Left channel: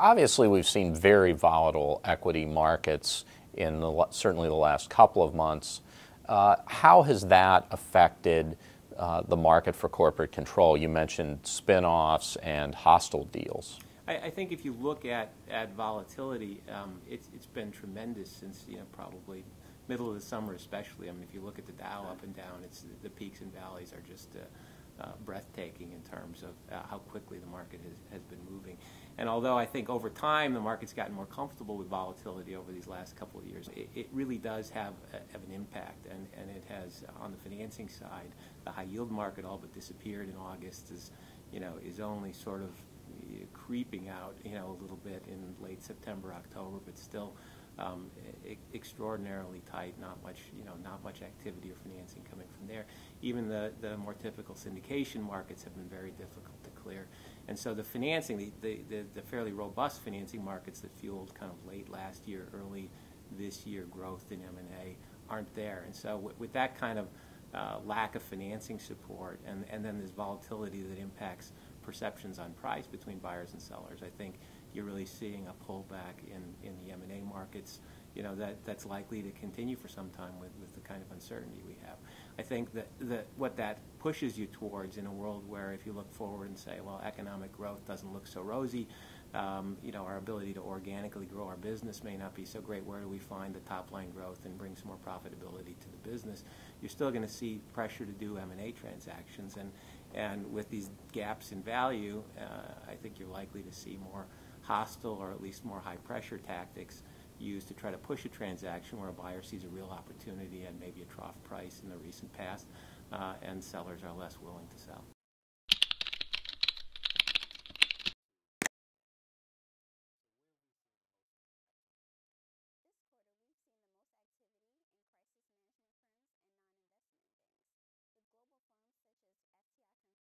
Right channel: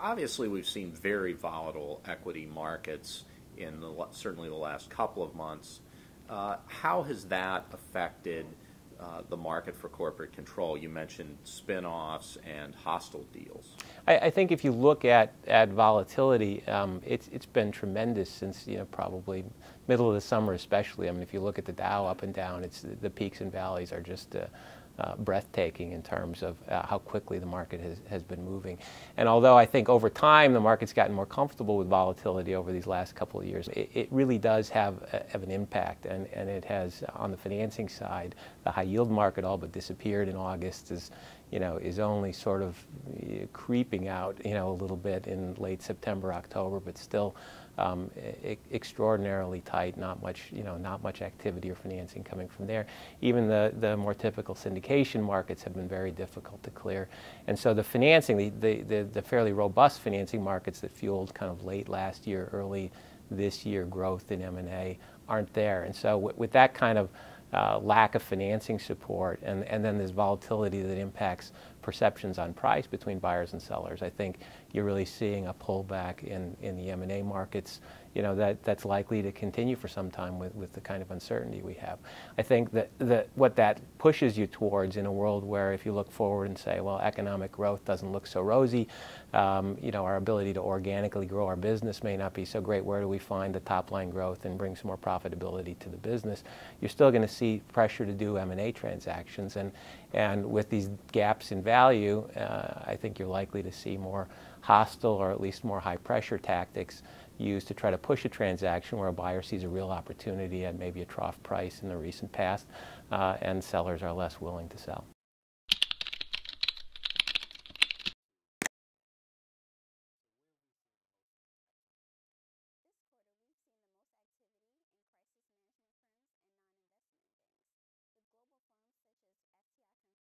Obviously, we've seen very volatile equity markets in certainly the last couple of months. How has that affected the market for corporate control? You mentioned spin-offs and hostile deals. I think if you look at volatility, it's been tremendous since probably middle of the summer, especially. I mean, if you look at the Dow up and down, the peaks and valleys are just breathtaking in terms of how quickly the market has been moving. And although I think over time the market's gotten more comfortable with volatility over these last couple of years, it really does have an impact, and it has on the financing side. The high yield market all but disappeared in August, is only sort of creeping out a little bit in late September, October, but still extraordinarily tight. Not much activity or financing coming from there. Even the more typical syndication markets have been very difficult to clear, and so the financing, the fairly robust financing markets that fueled kind of late last year, early this year growth in M&A aren't there, and so with that kind of lack of financing support, and then there's volatility that impacts perceptions on price between buyers and sellers. I think you're really seeing a pullback in the M&A markets, that's likely to continue for some time with the kind of uncertainty we have. I think that what that pushes you towards in a world where if you look forward and say, well, economic growth doesn't look so rosy, our ability to organically grow our business may not be so great. Where do we find the top line growth and bring some more profitability to the business? You're still going to see pressure to do M&A transactions, and with these gaps in value, I think you're likely to see more hostile or at least more high pressure tactics used to try to push a transaction where a buyer sees a real opportunity at maybe a trough price in the recent past, and sellers are less willing to sell.